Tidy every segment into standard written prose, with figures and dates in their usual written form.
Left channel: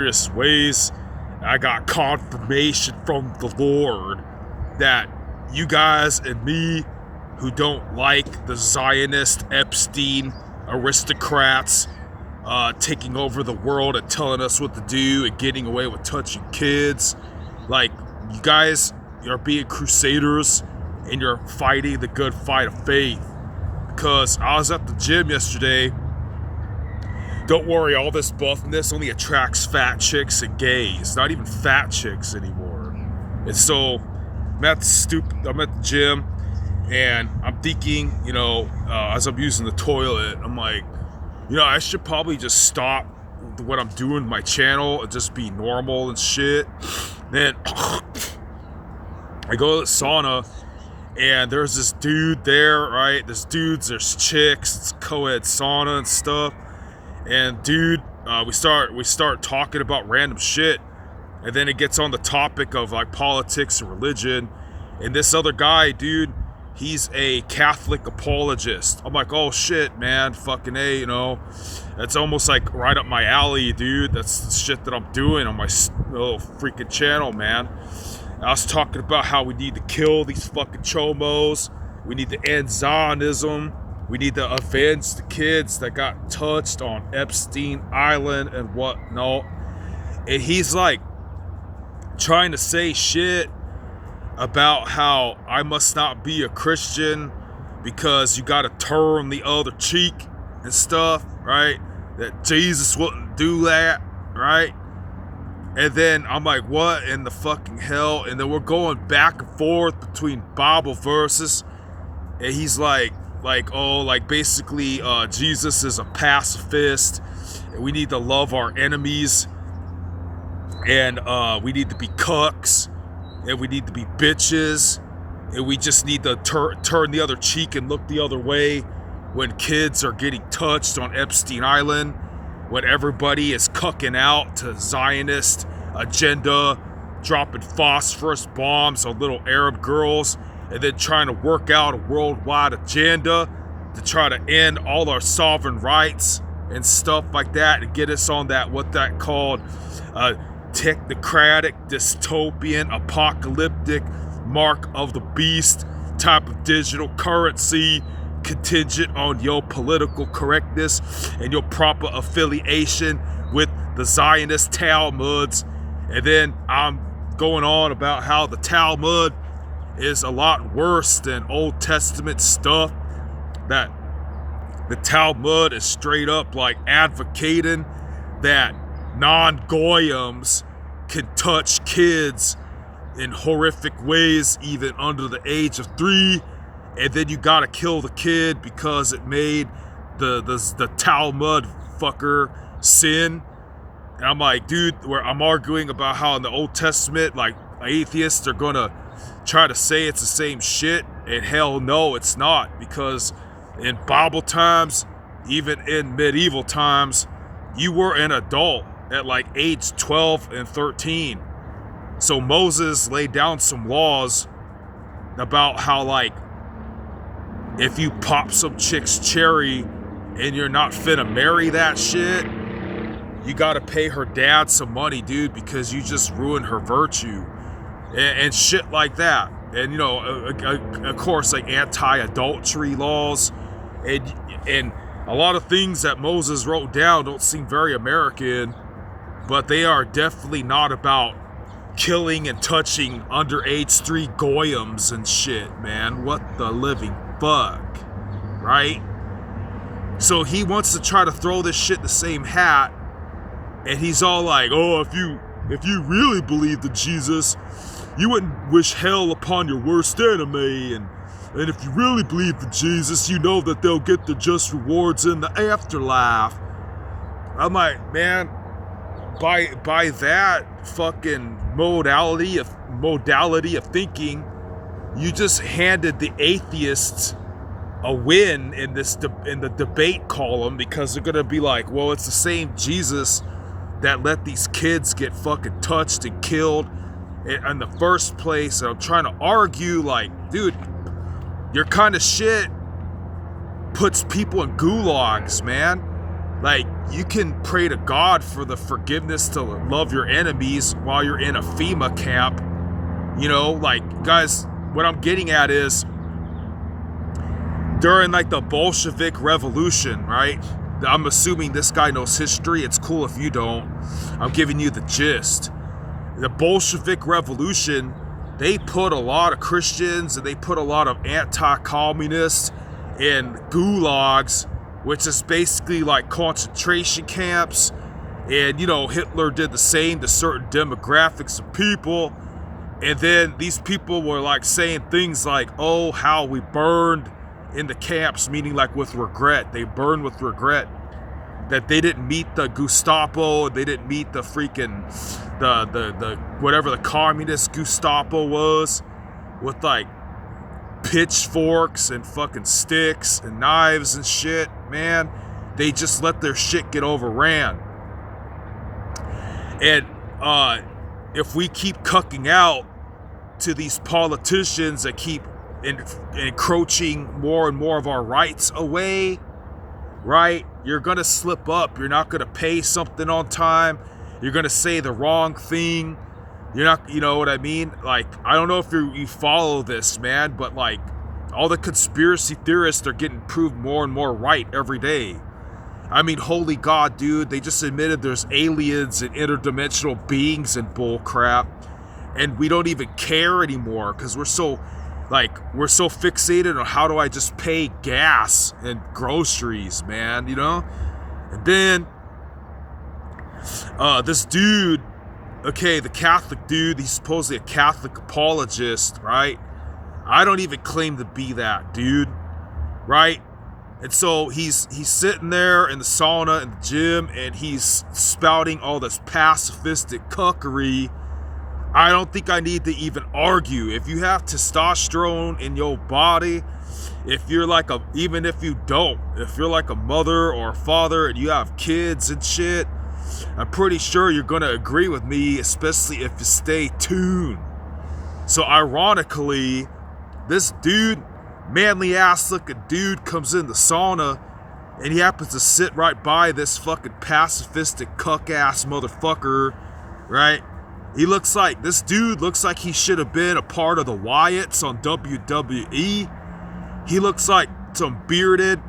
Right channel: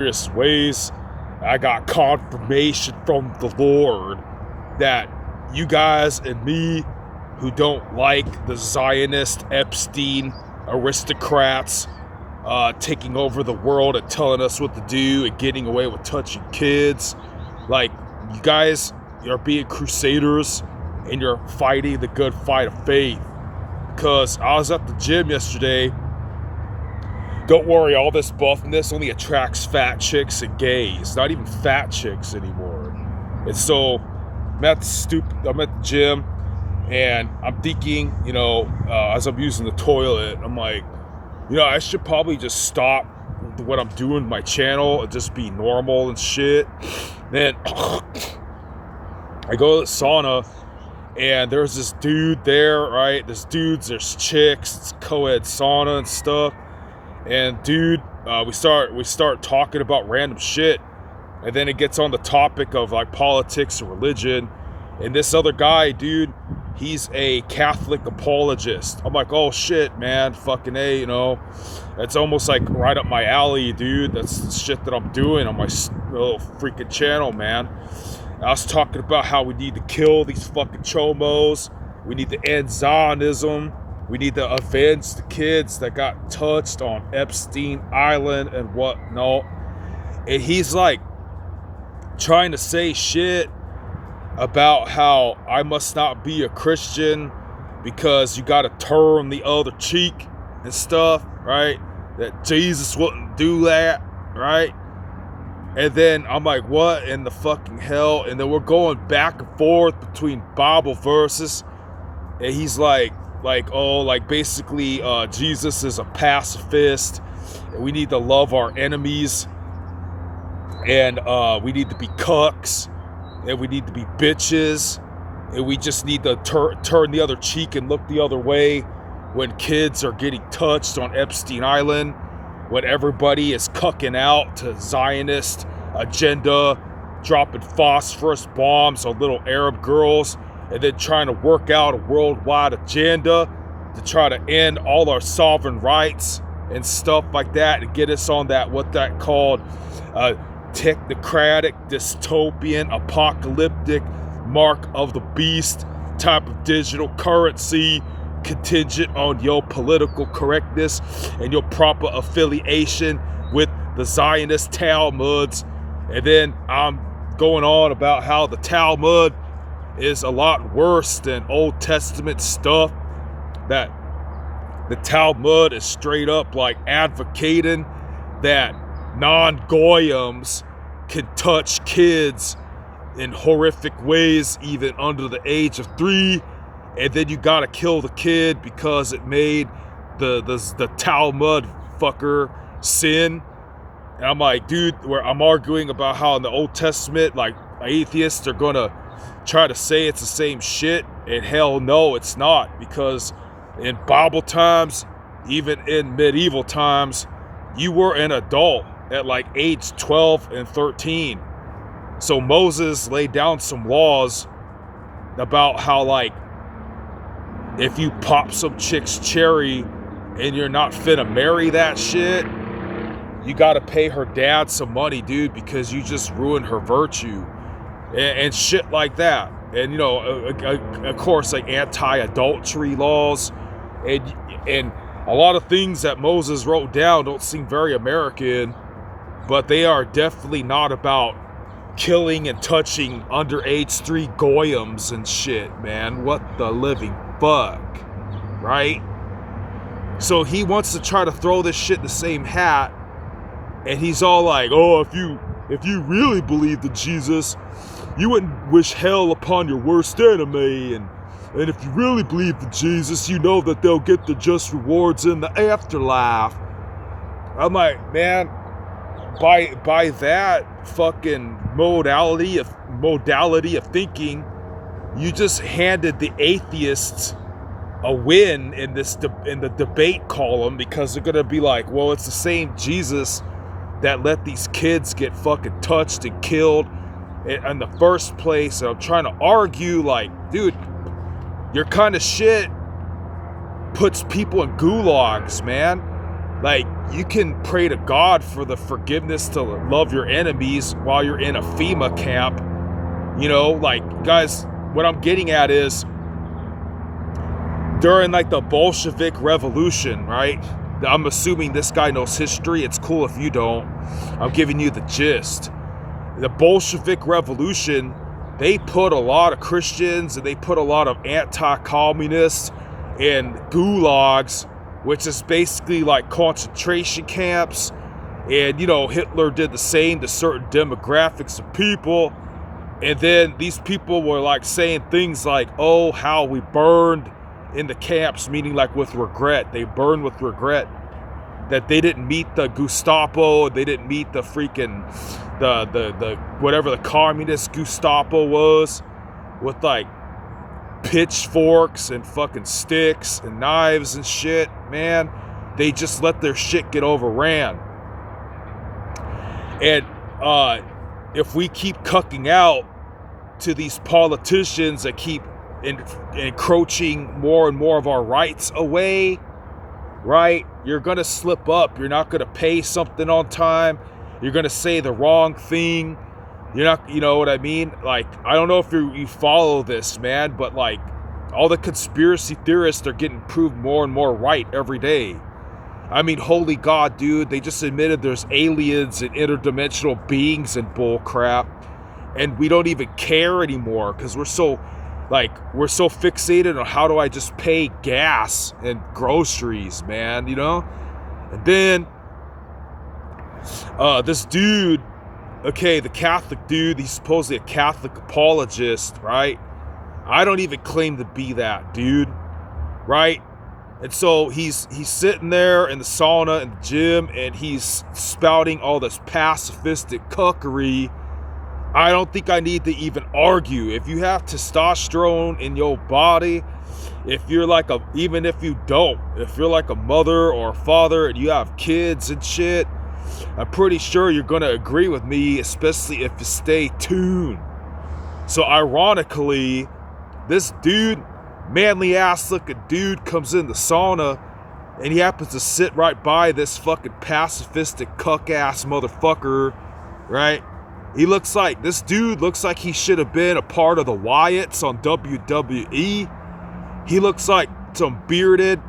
various ways. I got confirmation from the Lord that you guys and me who don't like the Zionist Epstein aristocrats taking over the world and telling us what to do and getting away with touching kids, like, you guys are being crusaders and you're fighting the good fight of faith. Because I was at the gym yesterday. Don't worry, all this buffness only attracts fat chicks and gays, not even fat chicks anymore. And so I'm at the gym, and I'm thinking, as I'm using the toilet, I'm like, I should probably just stop what I'm doing with my channel and just be normal and shit. Then I go to the sauna, and there's this dude there, right? There's chicks, it's co-ed sauna and stuff. And dude, we start talking about random shit, and then it gets on the topic of like politics and religion. And this other guy, dude, he's a Catholic apologist. I'm like, oh shit, man, fucking A, that's almost like right up my alley, dude. That's the shit that I'm doing on my little freaking channel, man. I was talking about how we need to kill these fucking chomos. We need to end Zionism. We need to avenge the kids that got touched on Epstein Island and whatnot. And he's like trying to say shit about how I must not be a Christian because you got to turn the other cheek and stuff, right? That Jesus wouldn't do that, right? And then I'm like, what in the fucking hell? And then we're going back and forth between Bible verses. And he's like, basically, Jesus is a pacifist, and we need to love our enemies, and we need to be cucks, and we need to be bitches, and we just need to turn the other cheek and look the other way when kids are getting touched on Epstein Island, when everybody is cucking out to Zionist agenda, dropping phosphorus bombs on little Arab girls, and then trying to work out a worldwide agenda to try to end all our sovereign rights and stuff like that, and get us on that, what that called, technocratic, dystopian, apocalyptic, mark of the beast type of digital currency contingent on your political correctness and your proper affiliation with the Zionist Talmuds. And then I'm going on about how the Talmud is a lot worse than Old Testament stuff, that the Talmud is straight up like advocating that non-goyams can touch kids in horrific ways even under the age of 3, and then you gotta kill the kid because it made the Talmud fucker sin. And I'm like, dude, where I'm arguing about how in the Old Testament, like, atheists are gonna try to say it's the same shit, and hell no, it's not, because in Bible times, even in medieval times, you were an adult at like age 12 and 13. So Moses laid down some laws about how, like, if you pop some chick's cherry and you're not finna marry that shit, you gotta pay her dad some money, dude, because you just ruined her virtue. And shit like that. And of course, like anti-adultery laws, and a lot of things that Moses wrote down don't seem very American, but they are definitely not about killing and touching underage 3 goyams and shit, man. What the living fuck, right? So he wants to try to throw this shit in the same hat, and he's all like, oh, if you really believed in Jesus, you wouldn't wish hell upon your worst enemy, and if you really believe in Jesus, you know that they'll get the just rewards in the afterlife. I'm like, man, by that fucking modality of thinking, you just handed the atheists a win in the debate column, because they're gonna be like, well, it's the same Jesus that let these kids get fucking touched and killed in the first place. And I'm trying to argue, like, dude, your kind of shit puts people in gulags, man. Like, you can pray to God for the forgiveness to love your enemies while you're in a FEMA camp. You know, like, guys, what I'm getting at is during like the Bolshevik Revolution, right? I'm assuming this guy knows history. It's cool if you don't. I'm giving you the gist. The Bolshevik Revolution, they put a lot of Christians and they put a lot of anti-communists in gulags, which is basically like concentration camps. And, you know, Hitler did the same to certain demographics of people. And then these people were like saying things like, oh, how we burned in the camps, meaning like with regret. They burned with regret that they didn't meet the Gestapo, they didn't meet the freaking, the whatever the communist Gestapo was, with like pitchforks and fucking sticks and knives and shit, man. They just let their shit get overran. And if we keep cucking out to these politicians that keep encroaching more and more of our rights away, right? You're gonna slip up. You're not gonna pay something on time. You're gonna say the wrong thing. You're not, you know what I mean? Like, I don't know if you follow this, man, but like, all the conspiracy theorists are getting proved more and more right every day. I mean, holy God, dude, they just admitted there's aliens and interdimensional beings and bull crap, and we don't even care anymore because we're so fixated on how do I just pay gas and groceries, man, you know? And then this dude, okay, the Catholic dude, he's supposedly a Catholic apologist, right? I don't even claim to be that, dude, right? And so he's sitting there in the sauna in the gym and he's spouting all this pacifistic cuckery. I don't think I need to even argue. If you have testosterone in your body, if you're like even if you don't, if you're like a mother or a father and you have kids and shit, I'm pretty sure you're gonna agree with me, especially if you stay tuned. So ironically, this dude, manly ass looking dude, comes in the sauna and he happens to sit right by this fucking pacifistic cuck ass motherfucker, right? This dude looks like he should have been a part of the Wyatts on WWE. He looks like some bearded,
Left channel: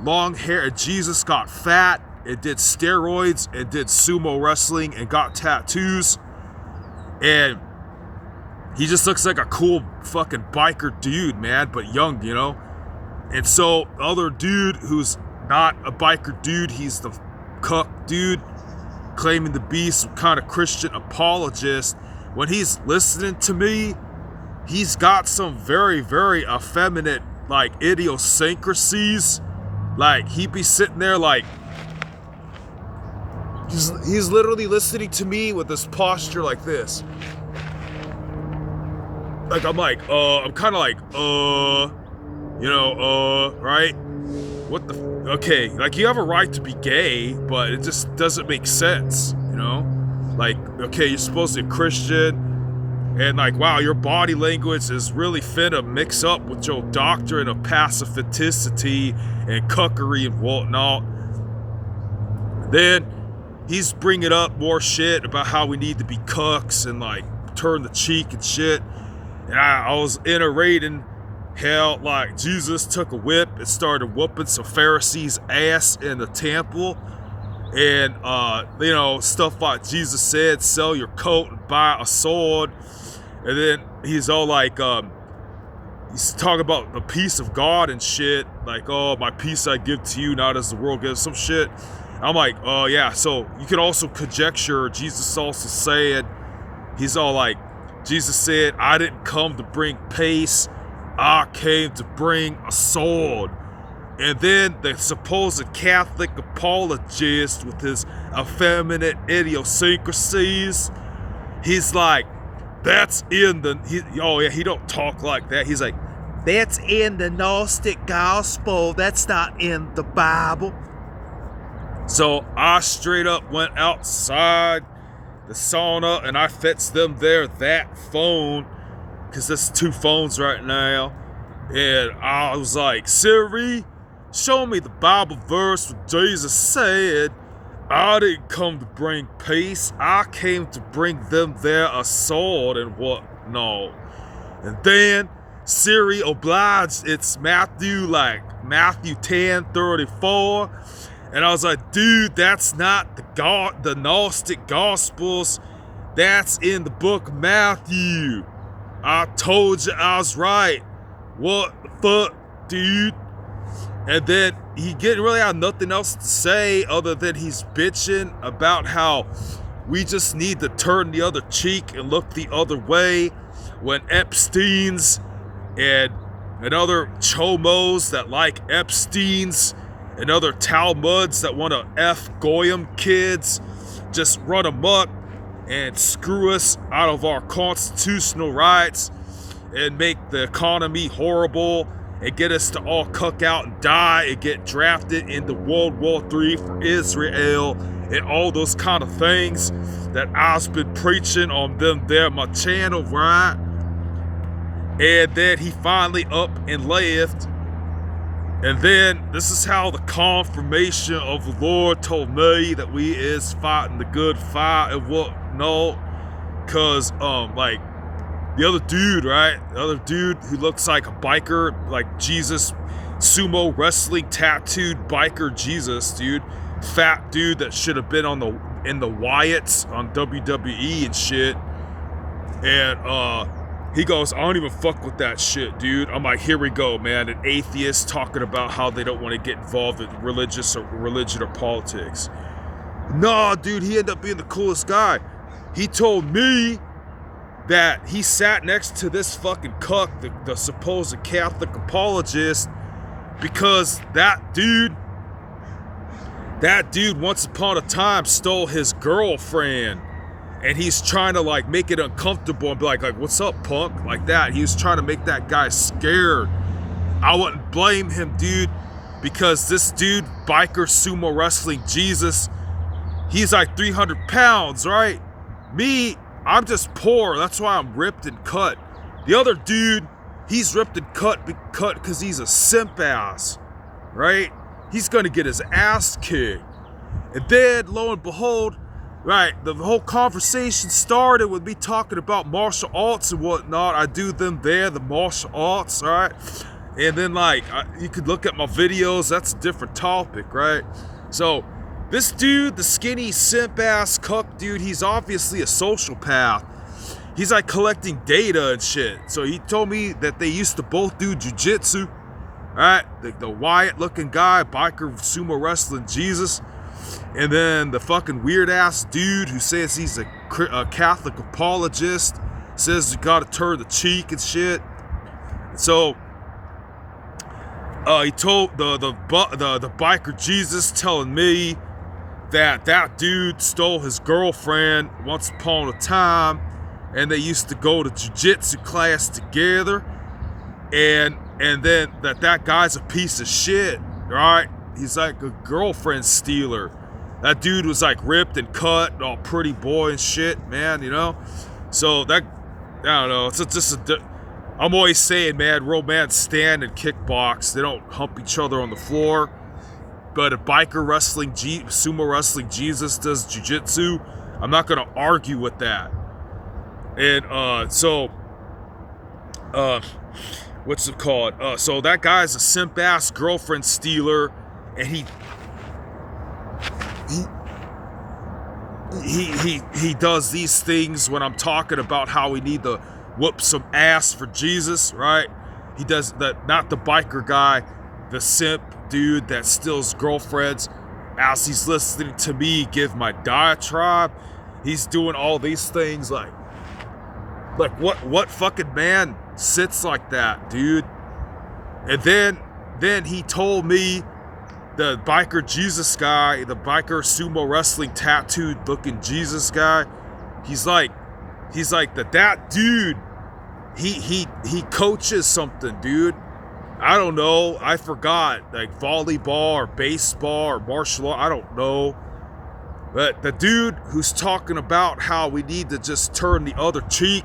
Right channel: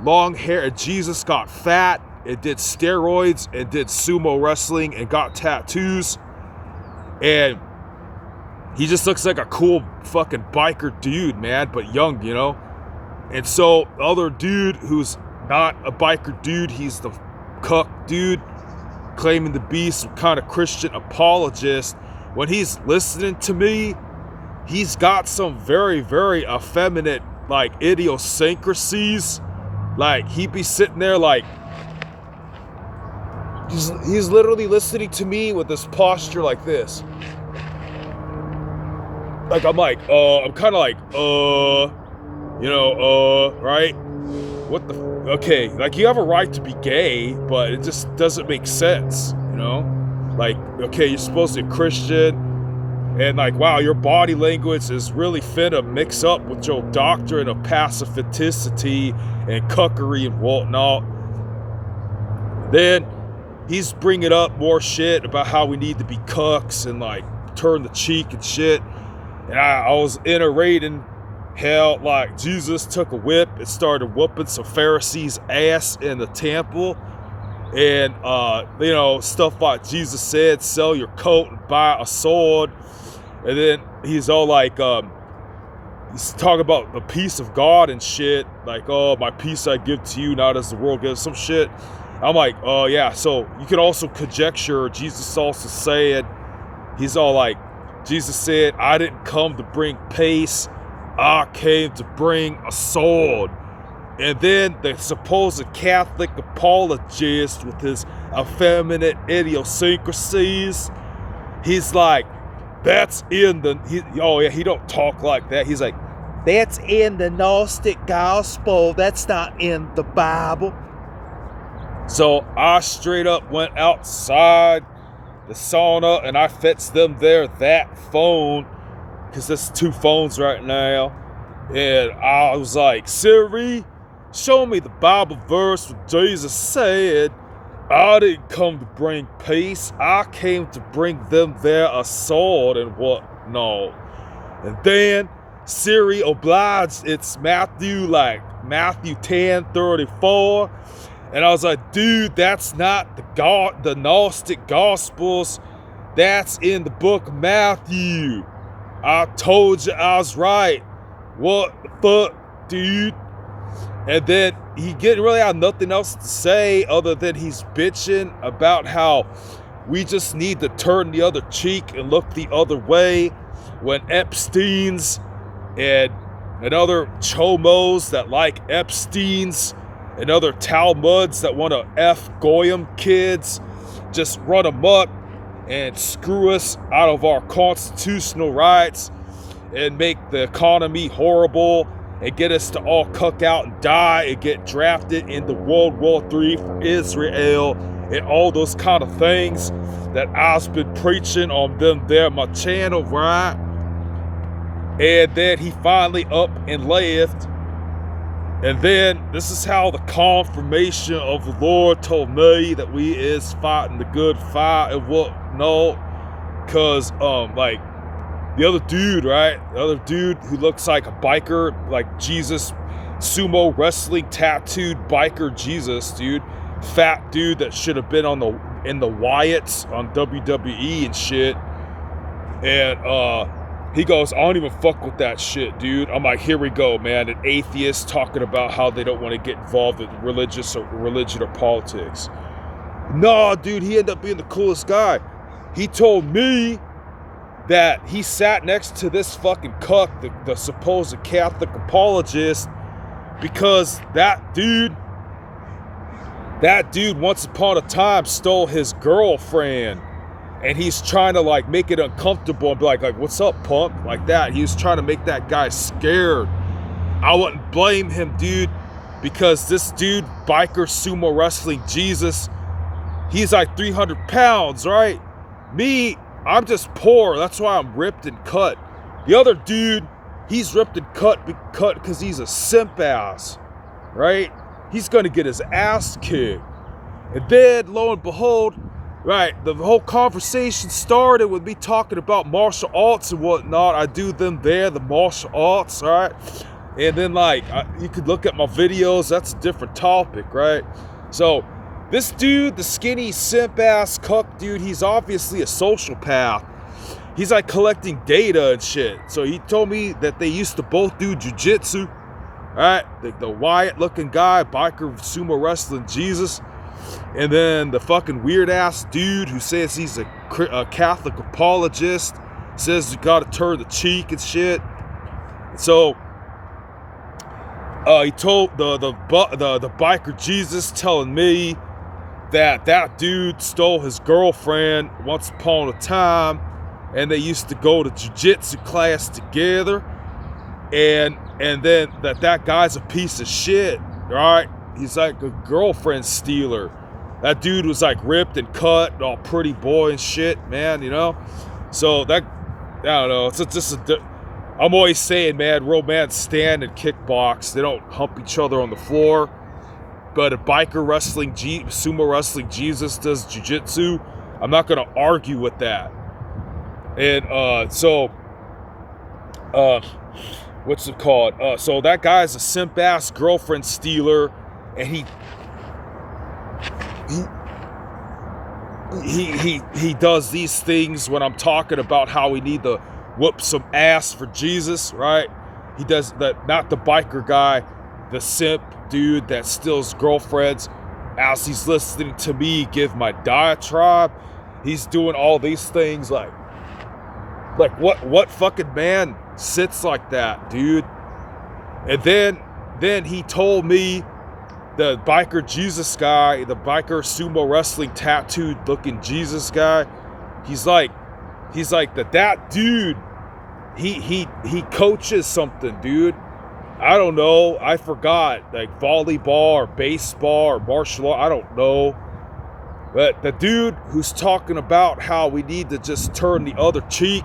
long hair. Jesus got fat and did steroids and did sumo wrestling and got tattoos. And he just looks like a cool fucking biker dude, man, but young, you know? And so the other dude who's not a biker dude, he's the cuck dude, claiming to be some kind of Christian apologist. When he's listening to me, he's got some very, very effeminate, like, idiosyncrasies. Like, he'd be sitting there like, he's literally listening to me with this posture like this. Like, I'm like, I'm kind of like, right? What the, okay, like, you have a right to be gay, but it just doesn't make sense, you know? Like, okay, you're supposed to be Christian, and like, wow, your body language is really finna mix up with your doctrine of pacificity and cuckery and whatnot. Then he's bringing up more shit about how we need to be cucks and like turn the cheek and shit. And I was iterating how like Jesus took a whip and started whooping some Pharisees' ass in the temple. And, stuff like Jesus said, sell your coat and buy a sword. And then he's all like, he's talking about the peace of God and shit. Like, oh, my peace I give to you, not as the world gives, some shit. I'm like, oh, yeah. So you could also conjecture Jesus also said, he's all like, Jesus said, I didn't come to bring peace. I came to bring a sword. And then the supposed Catholic apologist with his effeminate idiosyncrasies, he's like, that's in the, he don't talk like that. He's like, that's in the Gnostic gospel. That's not in the Bible. So I straight up went outside the sauna and I fetched them that phone, because there's two phones right now. And I was like, Siri, show me the Bible verse where Jesus said, I didn't come to bring peace. I came to bring them their sword and whatnot. And then Siri obliged. It's Matthew 10:34. And I was like, dude, that's not the Gnostic Gospels. That's in the book of Matthew. I told you I was right. What the fuck, dude? And then he didn't really have nothing else to say other than he's bitching about how we just need to turn the other cheek and look the other way when Epstein's and other chomos that like Epstein's and other Talmuds that want to F Goyim kids just run amok and screw us out of our constitutional rights and make the economy horrible and get us to all cuck out and die and get drafted into World War III for Israel and all those kind of things that I've been preaching on my channel, right? And then he finally up and left. And then this is how the confirmation of the Lord told me that we is fighting the good fight and whatnot. Cause like the other dude, right? The other dude who looks like a biker, like Jesus, sumo wrestling tattooed biker Jesus, dude. Fat dude that should have been in the Wyatts on WWE and shit. And he goes, I don't even fuck with that shit, dude. I'm like, here we go, man. An atheist talking about how they don't want to get involved with religion or politics. Nah, dude, he ended up being the coolest guy. He told me that he sat next to this fucking cuck, the supposed Catholic apologist, because that dude once upon a time stole his girlfriend. And he's trying to like make it uncomfortable and be like, what's up, punk? Like that. He was trying to make that guy scared. I wouldn't blame him, dude, because this dude, biker sumo wrestling Jesus, he's like 300 pounds, right? Me, I'm just poor. That's why I'm ripped and cut. The other dude, he's ripped and cut because he's a simp ass, right? He's gonna get his ass kicked. And then, lo and behold, right, the whole conversation started with me talking about martial arts and whatnot. I do them there, the martial arts, all right? And then, like, you could look at my videos. That's a different topic, right? So, this dude, the skinny simp-ass cuck dude, he's obviously a sociopath. He's, like, collecting data and shit. So, he told me that they used to both do jiu-jitsu, all right? The Wyatt-looking guy, biker, sumo wrestling Jesus. And then the fucking weird-ass dude who says he's a Catholic apologist, says you gotta turn the cheek and shit. So, he told the biker Jesus telling me that dude stole his girlfriend once upon a time, and they used to go to jiu-jitsu class together, and then that guy's a piece of shit, right? He's like a girlfriend stealer. That dude was like ripped and cut, all pretty boy and shit, man, you know? So that, I don't know, it's just I'm always saying, man, romance stand and kickbox. They don't hump each other on the floor. But a biker wrestling, sumo wrestling Jesus does jiu-jitsu. I'm not going to argue with that. And so, what's it called? So that guy's a simp-ass girlfriend stealer, and he does these things when I'm talking about how we need to whoop some ass for Jesus, right? He does that, not the biker guy, the simp dude that steals girlfriends. As he's listening to me give my diatribe, he's doing all these things like what fucking man sits like that, dude? And then he told me, the biker Jesus guy, the biker sumo wrestling tattooed looking Jesus guy, he's like that dude, he coaches something, dude. I don't know, I forgot, like volleyball or baseball or martial art, I don't know. But the dude who's talking about how we need to just turn the other cheek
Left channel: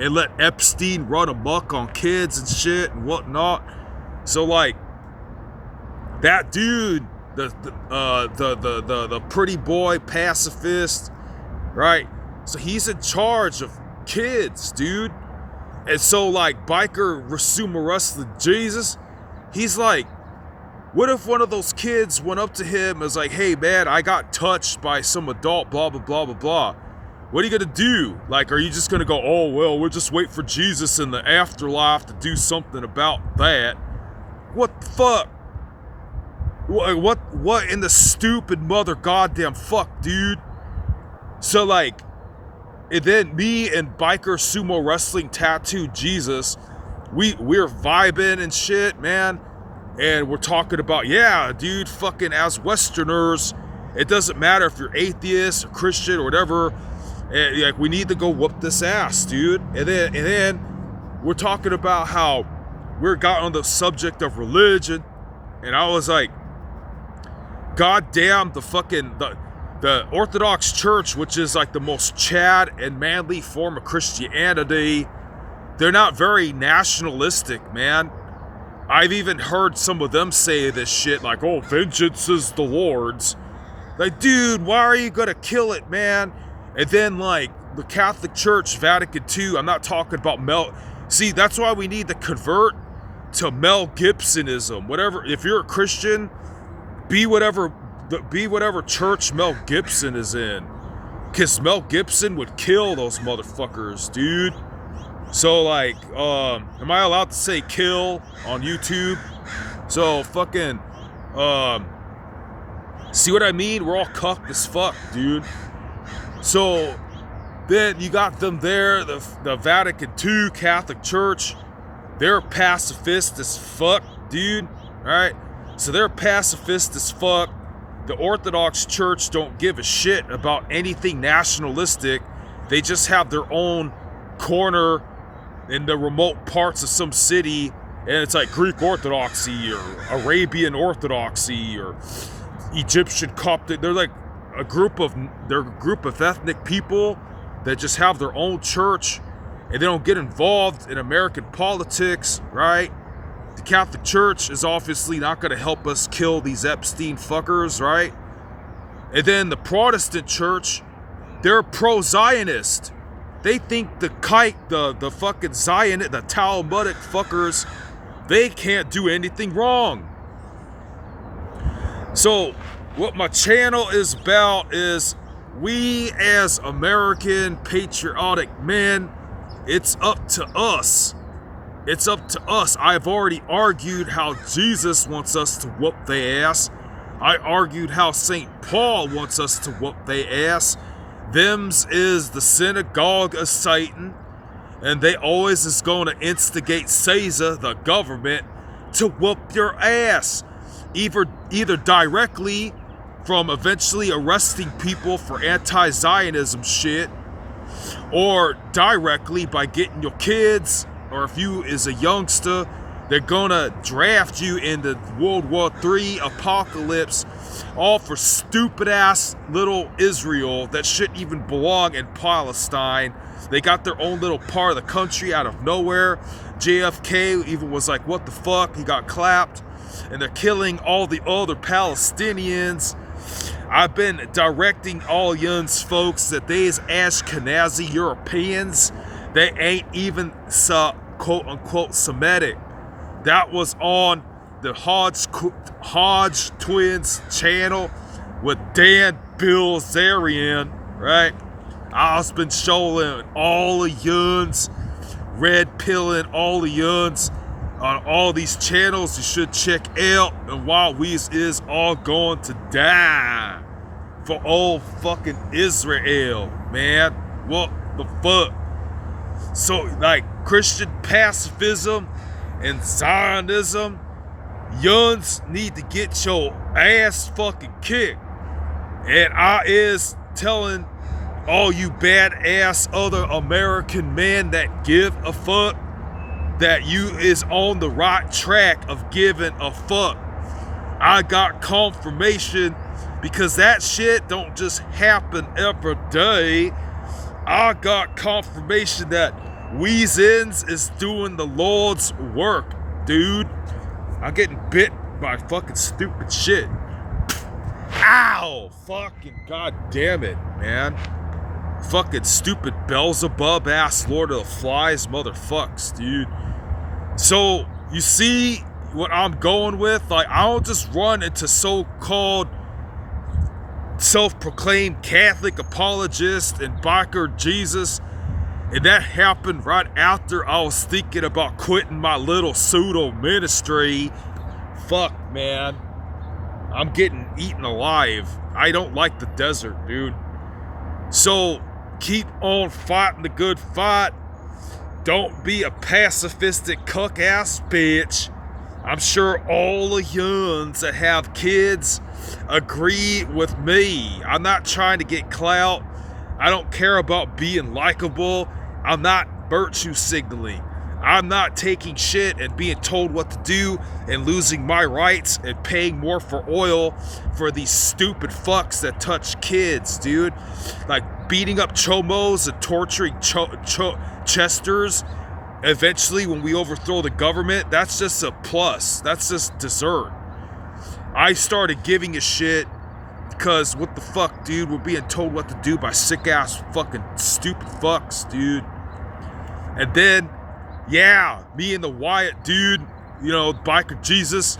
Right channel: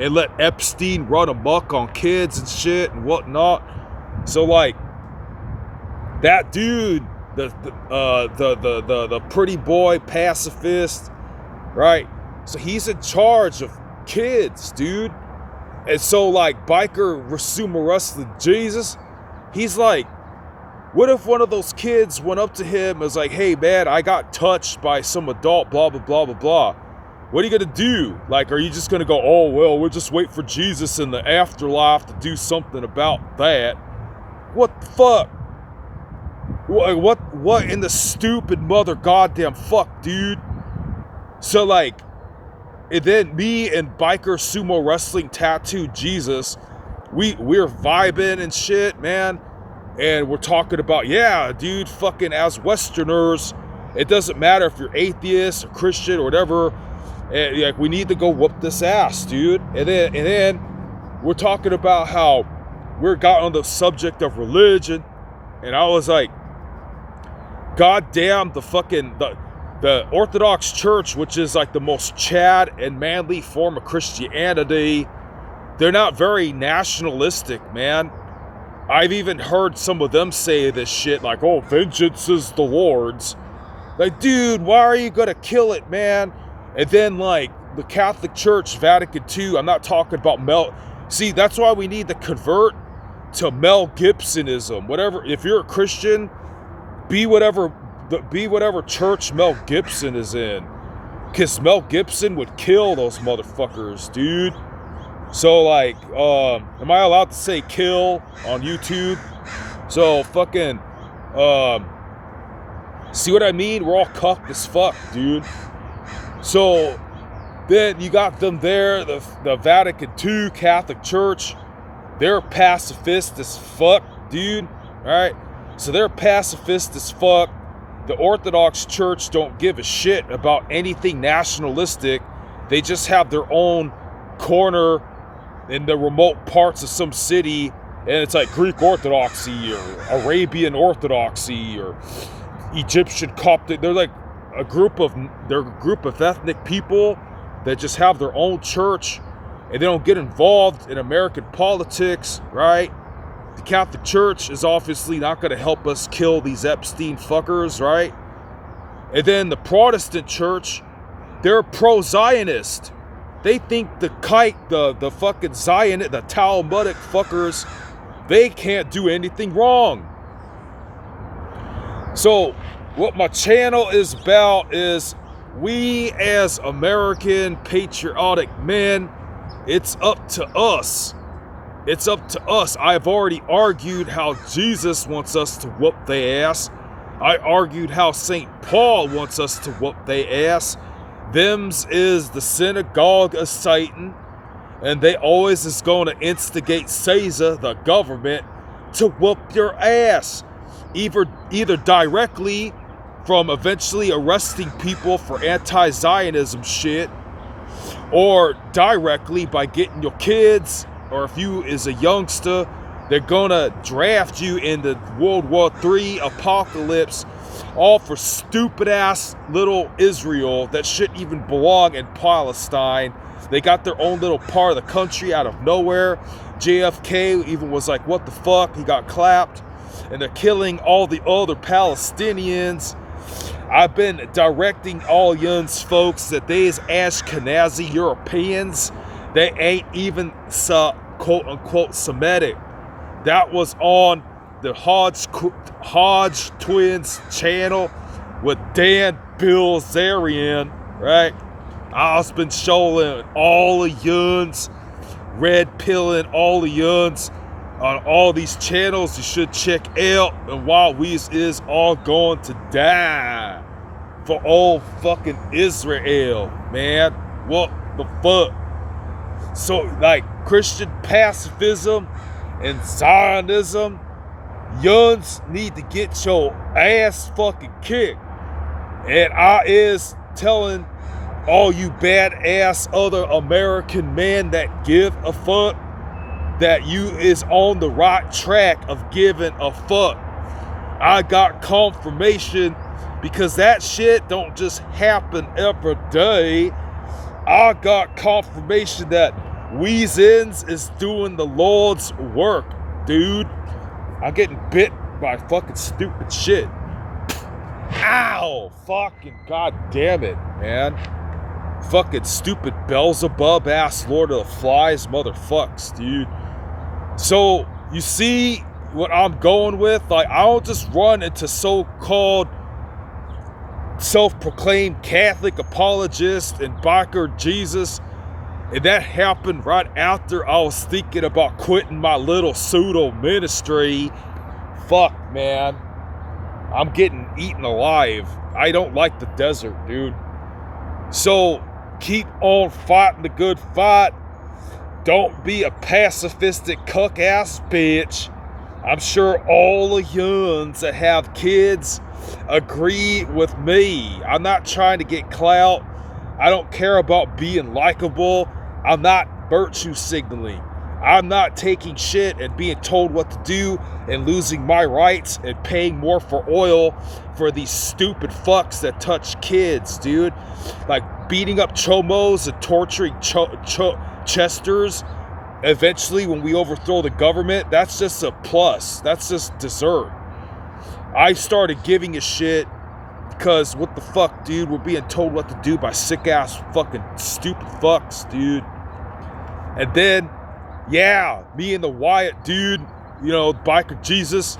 and let Epstein run amok on kids and shit and whatnot. So like, that dude the pretty boy pacifist, right? So he's in charge of kids, dude. And so like biker Rasuma Wrestling Jesus, he's like, what if one of those kids went up to him and was like, hey man, I got touched by some adult, blah, blah, blah, blah, blah. What are you gonna do? Like, are you just gonna go, oh, well, we'll just wait for Jesus in the afterlife to do something about that? What the fuck? What in the stupid mother goddamn fuck, dude? So like, and then me and biker sumo wrestling tattoo Jesus, we're vibing and shit, man. And we're talking about, yeah, dude, fucking as Westerners, it doesn't matter if you're atheist or Christian or whatever. And, like, we need to go whoop this ass, dude. And then we're talking about how we got on the subject of religion, and I was like, God damn, the Orthodox Church, which is like the most Chad and manly form of Christianity, they're not very nationalistic, man. I've even heard some of them say this shit like, oh, vengeance is the Lord's. Like, dude, why are you gonna kill it, man? And then like the Catholic Church, Vatican II, I'm not talking about see, that's why we need to convert to Mel Gibsonism. Whatever, if you're a Christian, be whatever church Mel Gibson is in. Because Mel Gibson would kill those motherfuckers, dude. So like, am I allowed to say kill on YouTube? So fucking, see what I mean? We're all cucked as fuck, dude. So then you got them there, the Vatican II Catholic Church. They're pacifist as fuck, dude. All right. So they're pacifist as fuck. The Orthodox Church don't give a shit about anything nationalistic. They just have their own corner in the remote parts of some city, and it's like Greek Orthodoxy or Arabian Orthodoxy or Egyptian Coptic. They're like a group of ethnic people that just have their own church, and they don't get involved in American politics, right? The Catholic Church is obviously not going to help us kill these Epstein fuckers, right? And then the Protestant Church, they're pro-Zionist. They think the fucking Zionist, the Talmudic fuckers, they can't do anything wrong. So what my channel is about is we as American patriotic men, it's up to us. It's up to us. I've already argued how Jesus wants us to whoop their ass. I argued how St. Paul wants us to whoop their ass. Them's is the synagogue of Satan, and they always is going to instigate Caesar, the government, to whoop your ass. Either directly from eventually arresting people for anti-Zionism shit, or directly by getting your kids, or if you is a youngster, they're gonna draft you in the World War III apocalypse, all for stupid ass little Israel that shouldn't even belong in Palestine. They got their own little part of the country out of nowhere. JFK even was like, what the fuck? He got clapped. And they're killing all the other Palestinians. I've been directing all yuns folks that they is Ashkenazi Europeans. They ain't even quote unquote Semitic. That was on the Hodge Twins channel with Dan Bilzerian, right? I've been showing all the yuns, red pilling all the yuns on all these channels you should check out. And while we is all going to die for old fucking Israel, man. What the fuck? So like Christian pacifism and Zionism, yuns need to get your ass fucking kicked. And I is telling all you badass other American men that give a fuck that you is on the right track of giving a fuck. I got confirmation because that shit don't just happen every day. I got confirmation that Weezins is doing the Lord's work, dude. I'm getting bit by fucking stupid shit. Ow! Fucking goddamn it, man. Fucking stupid Beelzebub ass Lord of the Flies motherfucks, dude. So, you see what I'm going with? Like, I don't just run into so-called self-proclaimed Catholic apologist and biker Jesus. And that happened right after I was thinking about quitting my little pseudo ministry. Fuck, man. I'm getting eaten alive. I don't like the desert, dude. So, keep on fighting the good fight. Don't be a pacifistic cuck-ass bitch. I'm sure all the yuns that have kids agree with me. I'm not trying to get clout. I don't care about being likable. I'm not virtue signaling. I'm not taking shit and being told what to do and losing my rights and paying more for oil for these stupid fucks that touch kids, dude. Like beating up chomos and torturing chesters. Eventually, when we overthrow the government, that's just a plus. That's just dessert. I started giving a shit because what the fuck, dude? We're being told what to do by sick-ass fucking stupid fucks, dude. And then, yeah, me and the Wyatt dude, you know, biker Jesus,